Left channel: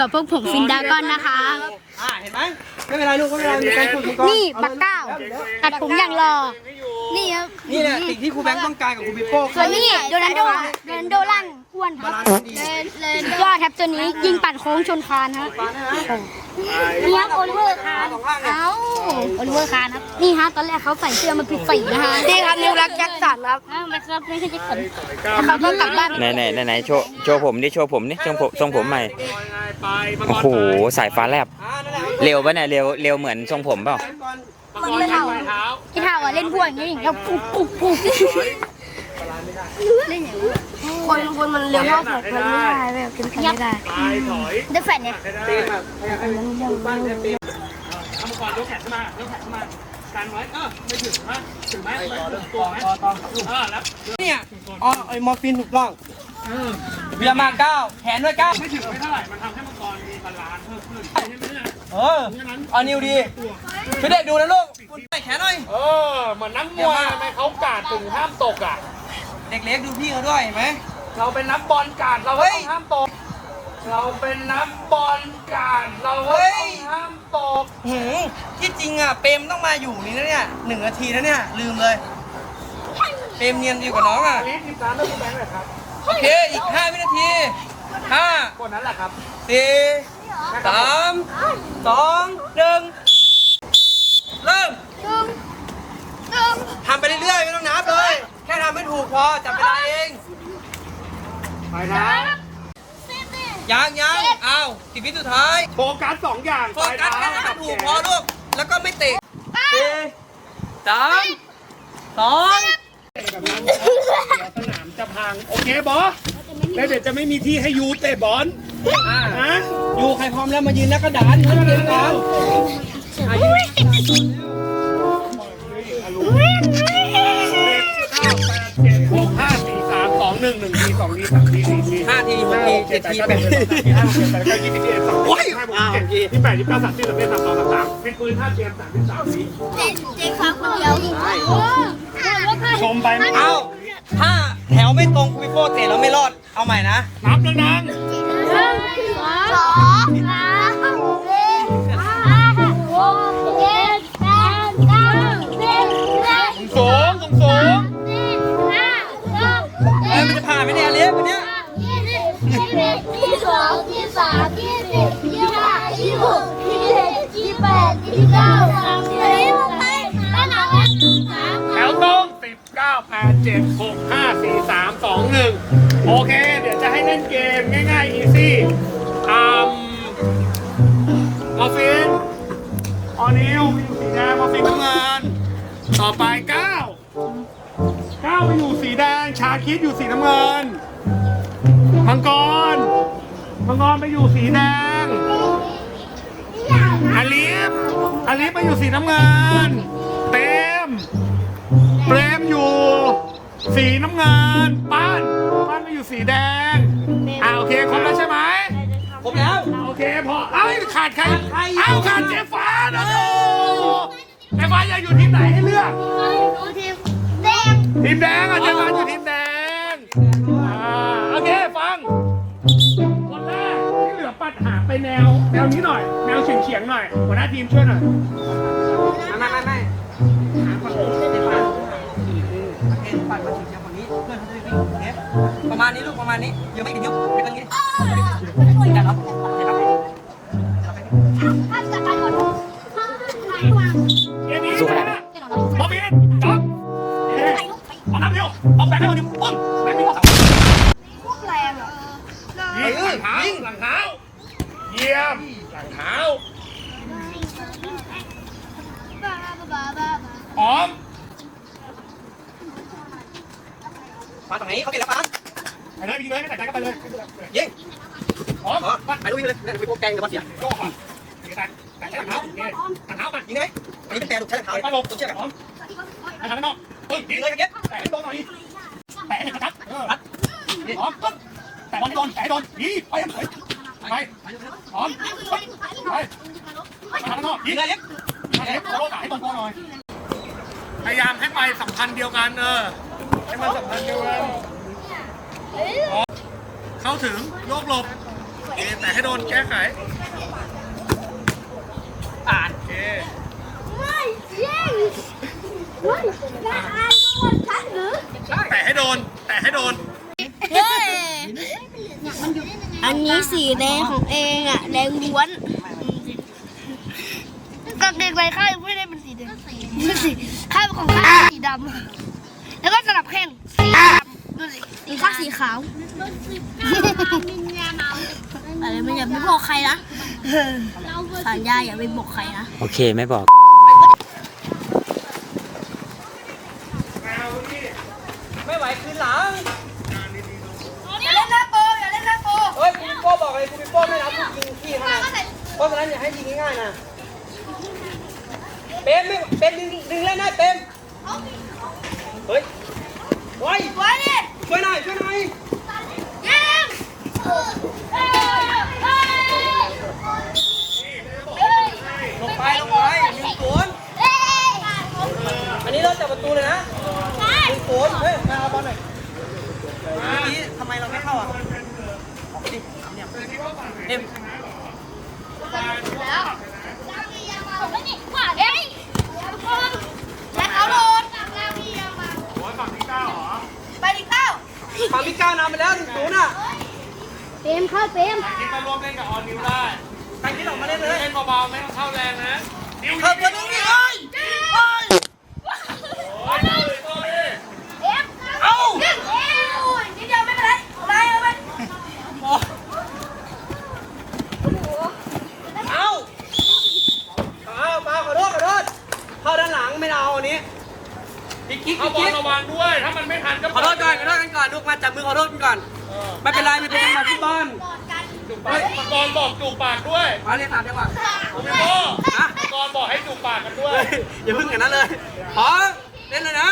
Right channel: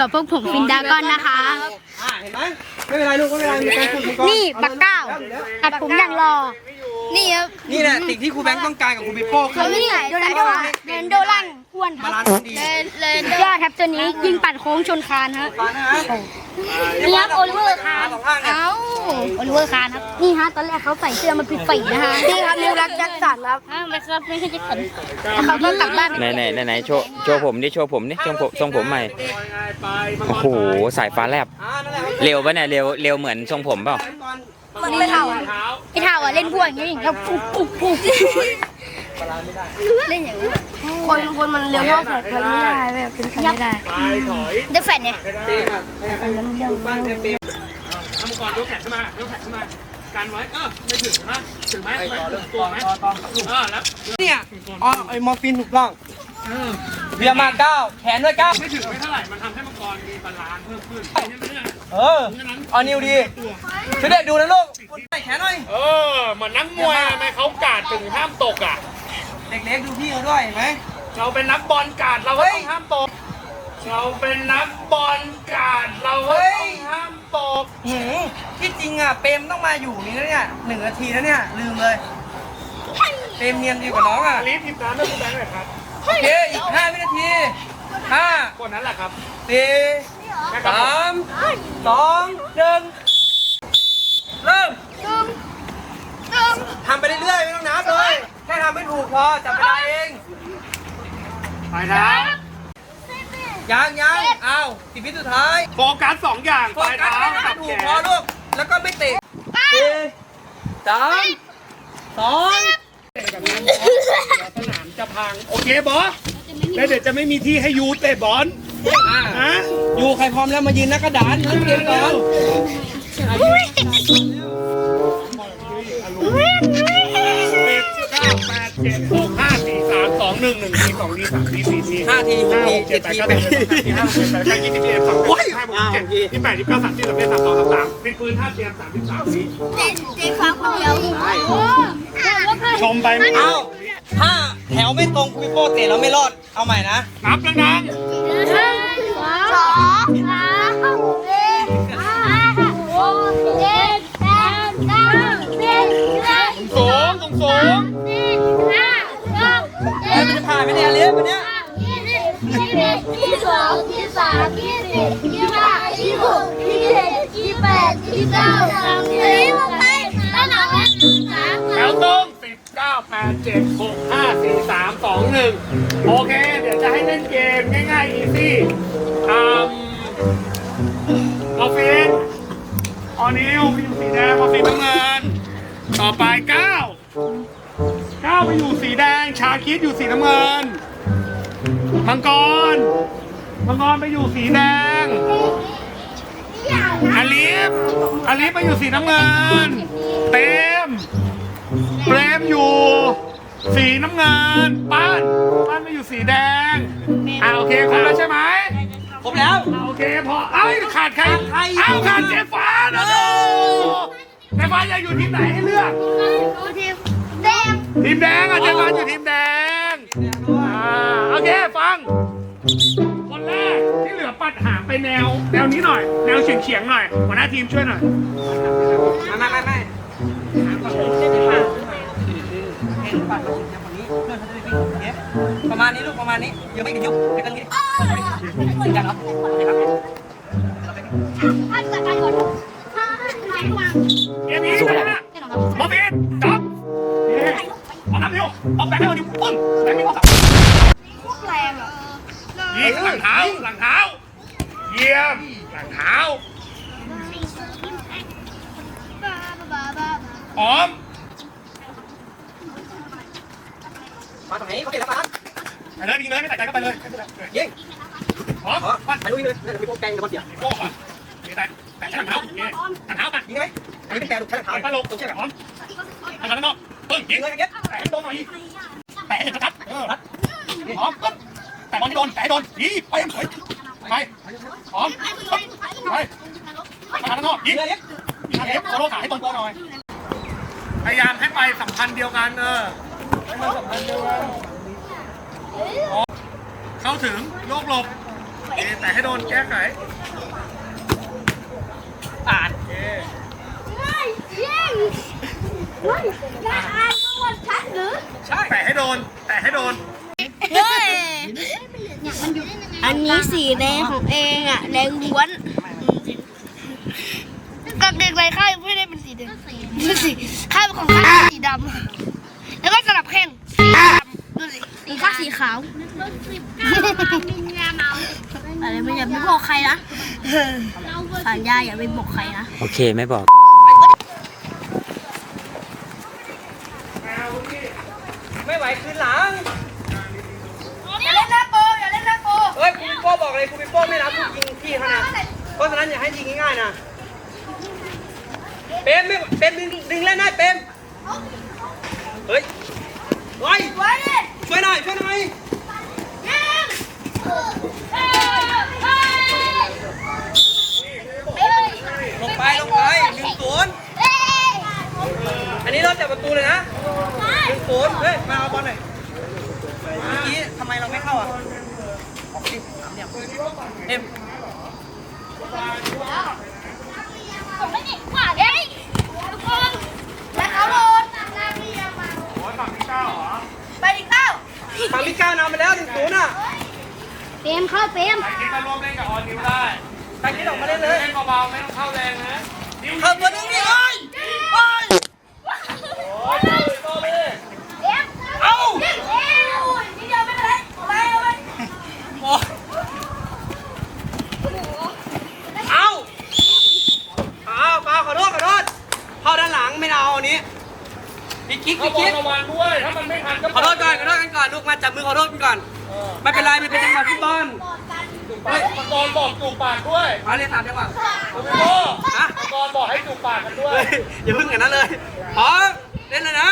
กับพวกผมฟินดากอนนะคะ อ่าเห็นไหมไม่เป็นไรลูกไม่เป็นไรมีการฝึกมังกรนี่บักเก้าอแล้วตัดผมอย่างรอ นี่ครับนี่แหละสิ่งที่ครูแบงค์ต้องการกับครูปิโป้คืแล้อวนี่โดนัลโดโดนัลโดล่าง อ้วนครับบาลานซ์ดีสุดยอดครับตัวนี้ยิงปั่นโค้งชนคานฮะฟันนะฮะนี่ครับโอลิเวอร์คานสองข้างเนี่ยเอ้าโอลิเวอร์คานครับนี่ฮะตอนแรกเขาใส่เสื้อมาปิดฝีนะคะนี่ครับนิวรักแจ็คสันครับไม่ครับไม่ใช่แจ็คสันแล้วเขาก็กลับบ้านไปไหนไหนไหนไหนโชว์โชว์ผมดิโชว์ผมดิทรงผมทรงผมใหม่โอ้โหสายฟ้าแลบอ่านั่นแหละเร็วปะเนี่ยเร็วเร็วเหมือนทรงผมเปล่ามังกรมันไม่เท่าไม่เท่าอะเล่นพวกอย่างนี้แล้วปุ๊บปุ๊บปุ๊บเล่นอย่างนี้ คนคนมันเร็วเท่าแขกมันไม่ได้แบบเป็นใครไม่ได้เดอะแฟนเนี่ยเต็มอะปั้นเต็มเต็มทำก่อนยกแขนขึ้นมายกแขนขึ้นมากันไว้เออไม่ถึงนะถึงไหมไปต่อเริ่มตัต่วอไหมต่อต่อเออแล้วเนี่ยอ๋อไอ้มอร์ฟินถูกต้องเบียร์มาเก้าแขนด้วยเก้าไม่ถึงไม่เท่าไหร่มันทำให้มังกรมีบาลานซ์เพิ่มขึ้นใช่ไหมเนี่ยเออเอานิวดีช่วยเด็กดูนะลูกคุณใส่แขนหน่อยเออเหมือนนักมวยทำไมเขากาดถึงห้ามตกอะ เด็กเล็กดูพี่เขาด้วยเห็นไหมเราเป็นนักบอลกาดเราก็ต้องห้ามตก เราเป็นนักบอลกาดเราก็ต้องห้ามตกหืมที่จริงอะเปรมต้องมาอยู่นี่นะเนี่ยหนึ่งนาทีนะเนี่ยลืมเลยเปรมเนียนอยู่กับน้องอะรีบทีมน้ำไม่คุณแบงค์เลยครับโอเคอีกห้าวินาทีห้าคนนั้นแหละครับสี่สามสองหนึ่งเริ่มทำไปเรื่อยๆไม่ต้องนับเลย แค่ทำไม่ถู กพอจับเวลาเองไปนะยังยังอ้าวสิบวิสุดท้ายโฟกัสสองอย่างโฟปลายกัสเท้าแค่กับทำถูแขกพอนลูกแล้วก็ไม่เตะสี่สามสองสนามจะพัง โอเคบอสแล้วเดี๋ยวจะไม่มีที่ให้ยูเตะบอลอ่าฮะอยู่ใครพร้อมแล้วมายืนหน้ากระดานเล่นเกมกันสิ สองทีสามทีสี่ทีห้าทีหกทีเจ็ดทีแปดทีห้าเจ็ดแปดเก้ายี่สิบเอ็ดสองห้าหกเจ็ดยี่แปดยี่เก้าสามสิบสามเอ็ดสามสองสามสามเป็นปืนท่าเตรียมสามสิบสามวิเจ๊ฟังคนเดียวโอ้ชมไปไม่เอาเอาถ้าแถวไม่ตรงคุยโป้เตะแล้วไม่รอด เอาใหม่นะ นับดังสองสาม แถวตรงสิบเก้าแปดเจ็ดหกห้าสี่สามสองหนึ่งโอเค เดี๋ยวจะให้เล่นเกมง่ายๆ อีซี่ทำมอร์ฟินออนิวไปอยู่สีแดงมอร์ฟินน้ำเงิน ต่อไปเก้าเก้าไปอยู่สีแดง ชาคิดอยู่สีน้ำเงิน มังกร มังกรไปอยู่สีแดงอลิ ฟอลิฟไปอยู่สีน้ำเงิน เต็มเปรมอยู่ สีน้ำเงินป้านป้านไปอยู่สีแดงอ่าโอเคครบแล้วใช่ไหมผมแล้วอ่าโอเคพอเอ้าขาดใครใครเอ้าขาดเจฟ้านะดูเจฟ้าอยากอยู่ทีมไหนให้เลือกทีมเต็มทีมแดงอะเจฟ้าอยู่ทีมแดงอ่าโอเคฟังคนแรกที่เหลือปัดหาไปแนว แนวนี้หน่อย แนวเฉียงเฉียงๆหน่อยหัวหน้าทีมช่วยหน่อยไม่ไม่ไม่หาฝั่งนี้ไม่ปัดเอ็นปัดมาถึงเชียร์คนนี้ เพื่อนเขาจะได้วิ่งเทปประมาณนี้ลูกประมาณนี้เดี๋ยวไม่กี่นิ้วเดี๋ยวกันนี้จังครับจังครับถ้าจัดการก่อนเกมนี้นะบอมบินจับเย้เอาน้ำเร็วเอาแบงค์ให้คนนี้ปึ้งแบงค์นี่ก็สับพวกแรงอะยิงหลังเท้าหลังเท้า เยี่ยมหลังเท้าพร้อมมาตรงนี้เขาเปลี่ยนแล้วมาไปเลยยิงเลยไม่แตกใจก็ไปเลยเย้พร้อมอ๋อไปตรงนี้เลยเดี๋ยวไปพวกแกงกับมาเสียโก้ก่อนเดี๋ยวแตกแตกหลังเท้าโอเคหลังเท้ามายิงไหมอันนี้เป็นแกงถูกใช้ขาไปลงตรงเชือกพร้อมทางด้านนอกเฮ้ยยิยิงงเลเลยยกันเก็บแตะให้ตรงหน่อยแตะให้ชัดๆเออพร้อมปึ๊บแตะบอลให้โดนแตะให้โดนยิงไปไปไปพร้อมปึ๊บไปไปทางด้านนอกยิ ยิ ง งเลยเก็บ เอฟโลกาให้ตรงโกหน่อย พยายามให้ ไปสัมพันธ์เดียวกันเออให้มันสัมพันธ์เดียวกันเข้าถึงโยกหลบเคแต่ให้โดนแก้ไขอ่านไม่ยิงไม่ได้อ่านประวัติฉันหรือแต่ให้โดนแต่ให้โดนเฮ้ยอันนี้สีแดงของเองอะแดงล้วนกางเกงในข้าไม่ได้เป็นสีแดงเป็นสีข้างของข้า ดำแล้วก็สลับแข้งสีดำดูสิอีกข้างสีขาวมีเมียเมาอะไรไม่อย่าไปบอกใครนะสัญญาอย่าไปบอกใครนะโอเคไม่บอกไม่ไหวคืนหลังอย่าเล่นหน้าโกอย่าเล่นหน้าโกเฮ้ยคุณโป้บอกเลยคุณเป็นโป้ไม่รับคุณยิงที่ขนาดเพราะฉะนั้นอย่าให้ยิงง่ายๆนะ เป็นไม่เป็นดึงดึงเล่นได้เป็น เฮ้ยไว้ไว้ช่วยหน่อยช่วยหน่อยลงไปลงไปหนึ่งศูนย์อันนี้เราจับประตูเลยนะหนึ่งศูนย์เฮ้ยมาเอาบอลหน่อยเมื่อกี้ทำไมเราไม่เข้าอะออกดิสามเหลี่ยมเอ็มไปดิเก้า ฝั่งพี่ก้าวนำไปแล้วหนึ่งศูนย์อะเปรมเข้าเปรมคิดมาร่วมเล่นกับออนนิวได้ใครคิดออกมาเล่นเลยเล่นเบาๆไม่ต้องเข้าแรงนะเพิ่มตัวหนึงดิเอ้ยเอ้ยเอ้าเอ้าเอาเปล่าขอโทษขอโทษเข้าด้านหลังไม่เอาอันนี้ พี่กิ๊กเข้าพี่บอลกิ๊กระวังด้วย ถ้ามันไม่ทันก็ขอโทษก่อนขอโทษกันก่อนลูกมาจับมือขอโทษกันก่อนไม่เป็นไรมันเป็นจังหวะฟุตบอลเฮ้ยบอลบอกจูบปากด้วยมาเรียนถามจังหวะพี่โบ้นะบอลบอกให้จูบปากกันด้วยเฮ้ยอย่าพึ่งกันนั้นเลยพร้อมเล่นเลยนะ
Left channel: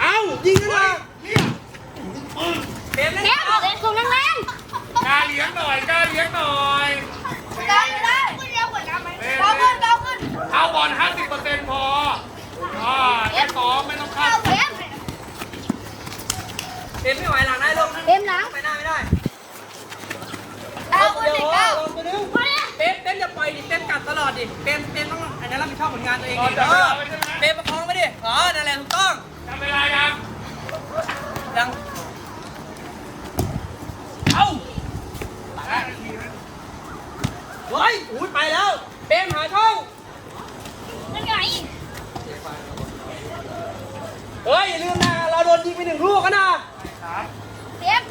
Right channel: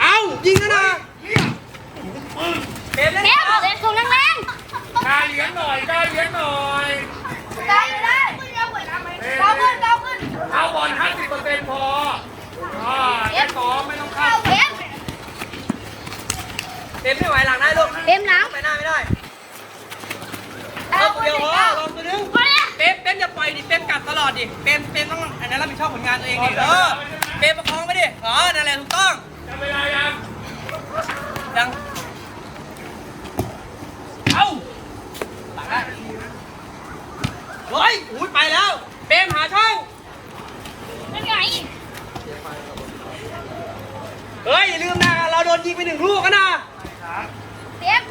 เอายิงแล้วนะเกมเล่นเปรมเล่นของแรง กล้ารเลี้ยงหน่อยกล้ารเลี้ยงหน่อย ได้ได้เก้าขึ้นเก้าขึ้น เข้าบอล50%พออ่าไม่ซ้อมไม่ต้องเข้า เปรม เกมไม่ไหวหลังได้ลูก เปรมหลังไปหน้าไม่ได้เก้าเดี๋ขึ้ยนวเก้าลองตัวนึงเป็นเป็นอย่าปล่อยดิเป็นกัดตลอดดิเป็นเป็นต้องอันนั้นรับผิดชอบผลงานตัวเองดิเออเป็นประคองไปดิอ๋อนั่นแหละถูกต้อง ทำเวลายัง ยังเอ้าหลังได้เฮ้ยอุ้ยไปแล้วเป็นหาช่อง นั่นไง เฮ้ยอย่าลืมนะเราโดนยิงไปหนึ่งลูกกันนะ เปรม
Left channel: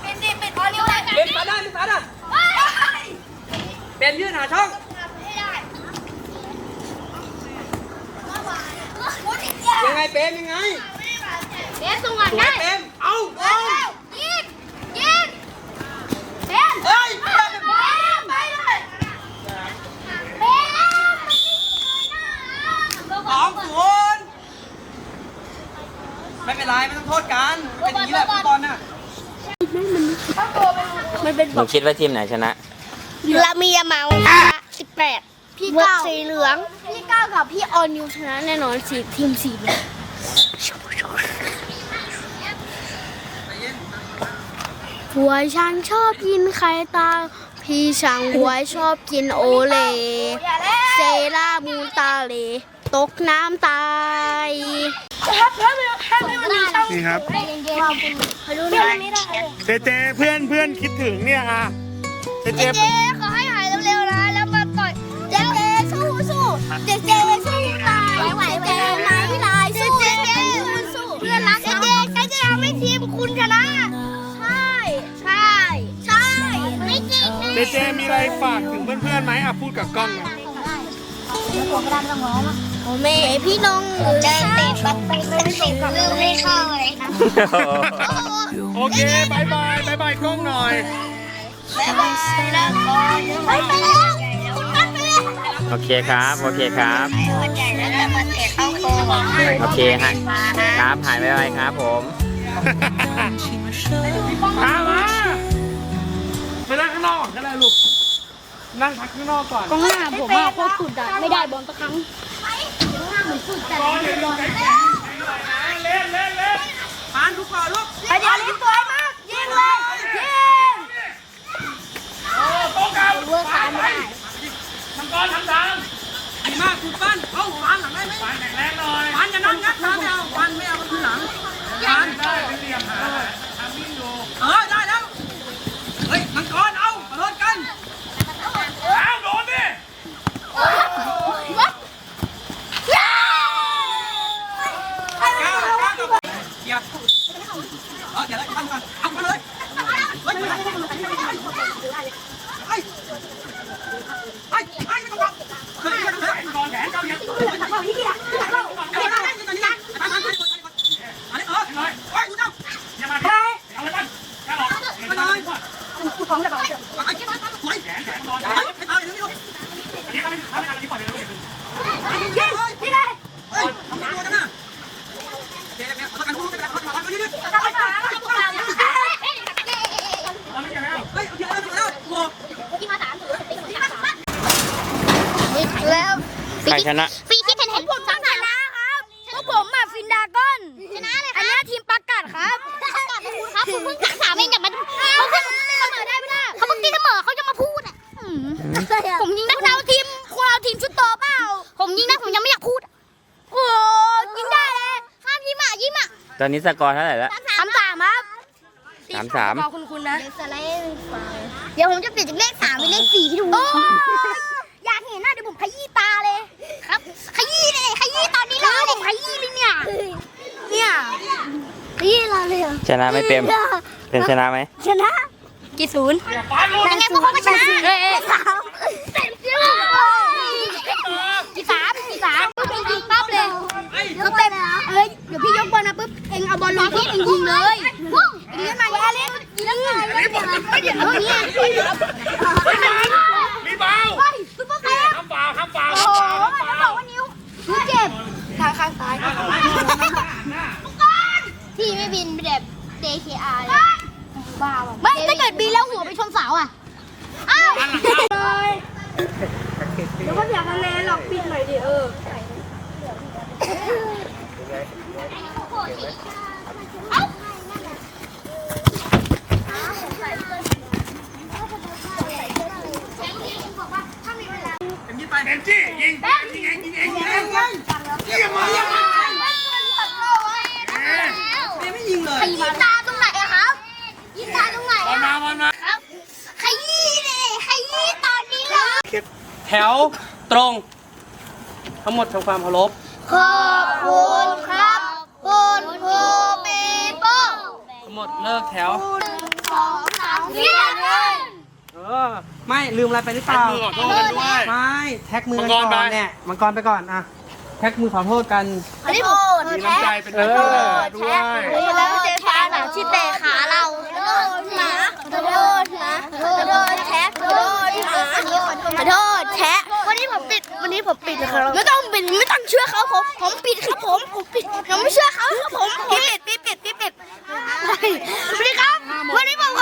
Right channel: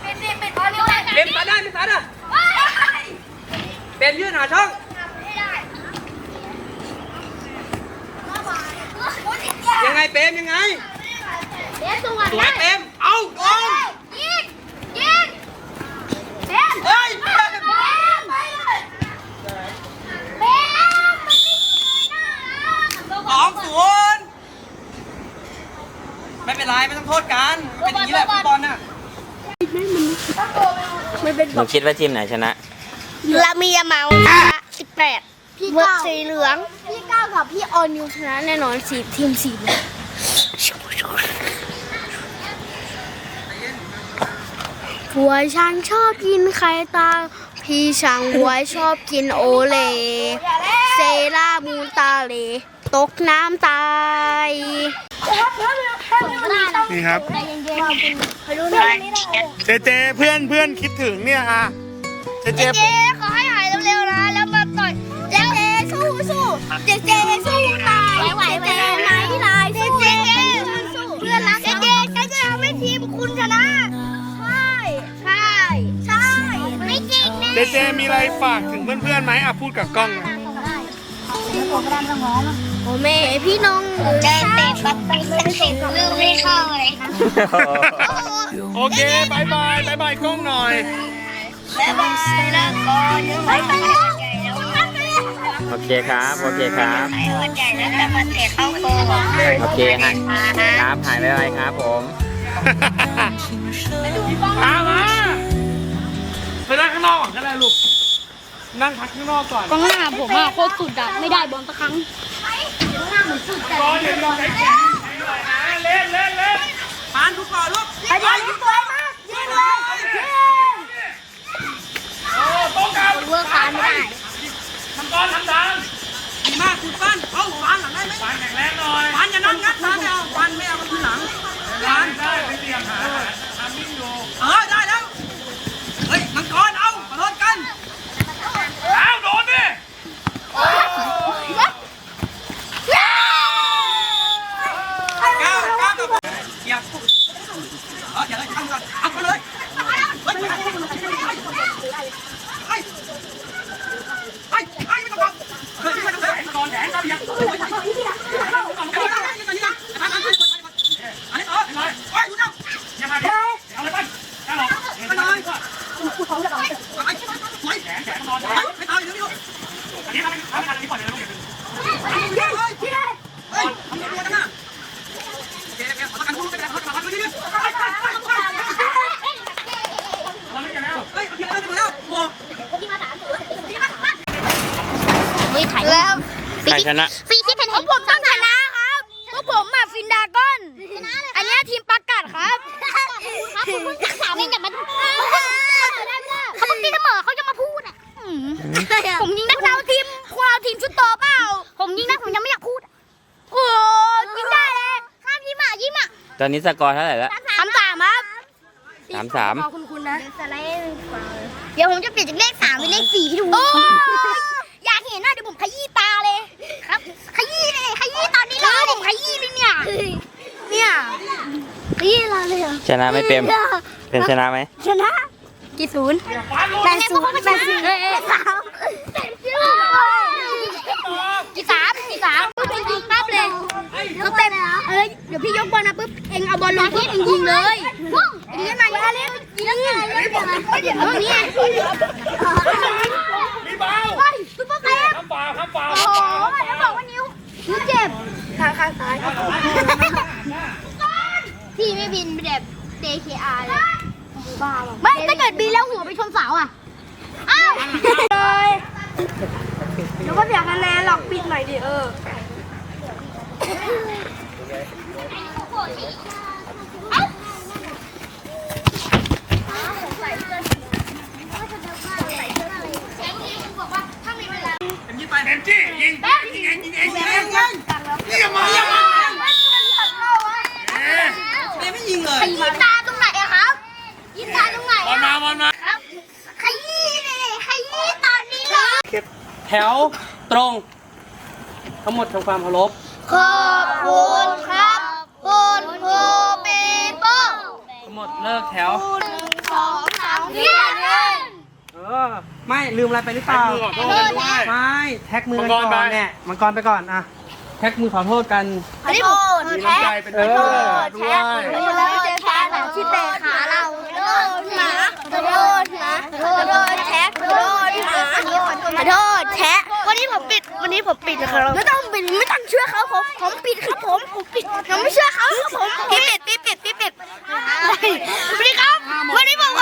เป็นเด็กเป็นออเดอร์ เป็นซัดได้เป็นซัดอะ เฮ้ย เป็นยื่นหาช่อง ไม่ได้ ยังไง เป็นยังไงเปรมส่งก่อนสวยเป็นเอาโดนยิงยิงเปรมเฮ้ยเปรมไปเลยเปรมมันไม่เลยนะสองศูนย์ไม่เป็นไรไม่ต้องโทษกันเป็นอย่างนี้แหละฟุตบอลน่ะหนูคิดว่าทีมไหนชนะ ลามียาเมาสิบแปด เวอร์สีเหลือง พี่ก้าวกับพี่ออนยูชนะแน่นอนสีทีมสีเหลืองหัวช้างชอบกินไข่ตา พี่ช้างหัวชอบกินโอเลเซรามูนตาเล ตกน้ำตายนี่ครับขอดูหน่อยเจเจเพื่อนเพื่อนคิดถึงเนี่ยอะเจเจเจขอให้หายเร็วๆนะ สู้สู้เจเจสู้ตายไหวไหวไหนลายสู้เจเจสู้เพื่อนรักเจเจฉันจะทำให้ทีมคุณชนะ ใช่ ใช่ ใช่ ไม่จริงนะเจเจมีอะไรฝากถึงเพื่อนๆไหมอะพูดกับกล้องหน่อยโอ้แม่พี่น้องเจเตะปัดไปเป็นสิบลูกไม่เข้าเลย โอเคบายบายบายบายกล้องหน่อย บ๊ายบายนะก่อนไปไปเลย โอเคครับ โอเคครับ ส่วนใหญ่แล้วแต่มันเตะเข้าโกงโอเคฮะครับหายไปไปครับผมตามมาไปนั่งข้างนอกก่อนก็ได้ลูก นั่งพักข้างนอกก่อนกองหน้าผมอะโคตรสุดอะไม่ได้บอลสักครั้งบอลเดี๋ยวเล่นเล่นเล่นปานทุกบอลลูกบอลทุกบอลมากยิงเลยยิงโอ้ต้องการเวิร์กการไม่ได้ ทำดังดีมากคุณปั้นเอาฟันหลังได้ไหมฟันแข็งแรงหน่อยฟันอย่านั่งงัดนะไม่เอาฟันไม่เอามันคือหลังฟันได้ไม่เตรียมหาทำมิ่งอยู่เออได้แล้ว เฮ้ยมังกรเอามาลดกัน อ้าวโดนดิ ก้าวก้าวกับเกียร์เอออย่าเลยทำก่อนเอาไปเลยเฮ้ยเฮ้ยเฮ้ยเฮ้ยไม่ต้องบอกเฮ้ยไม่ต้องบอก นอนแขนเจ้าอย่า อันนี้เออไปไปดูนะ อย่ามาเอาเลยไปเอาเลย ไปเลยไปไป แขนแขนนอน ไปไปไปเร็ว อันนี้เราไม่ทำไม่ทันอันนี้ปล่อยเลยลูก ๆเฮ้ยเฮ้ยพี่ได้เฮ้ยทำตัวกันนะโอเคแล้วเอากันรู้กันนะเขาทำกันเรื่อยๆ เอาไม่กันแล้ว เฮ้ยโอเคแล้วโอ้ แล้ว ใคร ชนะฟีคิดเห็นเห็นผมต้องชนะครับพวกผมอะฟินดากอน ชนะเลยอันเนี้ยทีมประกาศครับครับคุณเพิ่งศึกษาเองแต่มันเขาเพิ่งเขาเพิ่งตีเสมอเขาจะมาพูดอะผมยิงได้เราทีมเราทีมชุดโตเปล่า ผมยิงได้ผมยังไม่อยากพูด โอ้ยิงได้เลยห้ามยิ้มอะยิ้มอะตอนนี้สกอร์เท่าไหร่แล้วสามสามครับสามสามคุณคุณนะ เดี๋ยวผมจะเปลี่ยนจากเลขสามเป็นเลขสี่ให้ดูอยากเห็นหน้าเดี๋ยวผมขยี้ตาเลย ครับ ขยี้เลยขยี้ตอนนี้เล ยผมขยี้เลยเนี่ย เนี่ยขยี้เราเลยเหรอชนะไหม่เปรมเป็นชนะไหมชนะ กี่ศูนย์แปดศูนย์แปดศูนย์สามกี่สามกี่สามปุ๊บเองยิงปั๊บเลยก็เต็มเอ้ยเดี๋ยวพี่ยกบอลมาปุ๊บเองเอาบอลลงที่เองยิงเลยเองเล่นมาเล่นยิงไงเล่นยังไงเออเนี่ยมีเบาไปซุปเปอร์เซฟห้ามเปล่าห้ามเปล่าโอ้โหแล้วบอกว่านิ้วนิ้วเจ็บ ขาข้างซ้ายพี่ไม่บินแบบ DKR เลยไม่ ถ้าเกิดบินแล้วหัวไปชนเสาอะ อ้าวเลยเดี๋ยวก็เสียคะแนนหรอกปิดหน่อยดิเออเอ็มยิงไปเอ็มจี้ยิงยิงเองยิงเองยิงเอง เยี่ยมมากเอ๊ะเอ็มไม่ยิงเลยขยี้ตาตรงไหนอะครับยี้ตาตรงไหนบอลมาบอลมาขยี้เลยขยี้ตอนนี้เลยแถวตรง ทั้งหมดทำความเคารพขอบคุณครับคุณครูปีโป้ทั้งหมดเลิกแถวคุณสองสามสี่ห้าเออไม่ลืมอะไรไปหรือเปล่ามือขอโทษขอโทษด้วยไม่แท็กมือกันก่อนเนี่ยมังกรไปก่อนอะ ท็กมือขอโทษกันอันนี้ผมมีแท็น้ำใจกเป็นเอเพื่ออนด้วยขอโทษแท็กชื่อเตะขาเราขอโทษนะขอโทษนะขอโทษแท็กขอโทษนะขอโทษแท็กวันนี้ผมปิดวันนี้ผมปิดนะครับไม่ต้องปิดไม่ต้องเชื่อเขาผมผมปิดครับผมผมปิดผมไม่เชื่อเขาครับผมพี่ปิดพี่ปิดพี่ปิดสวัสดีครับวันนี้ผมขอ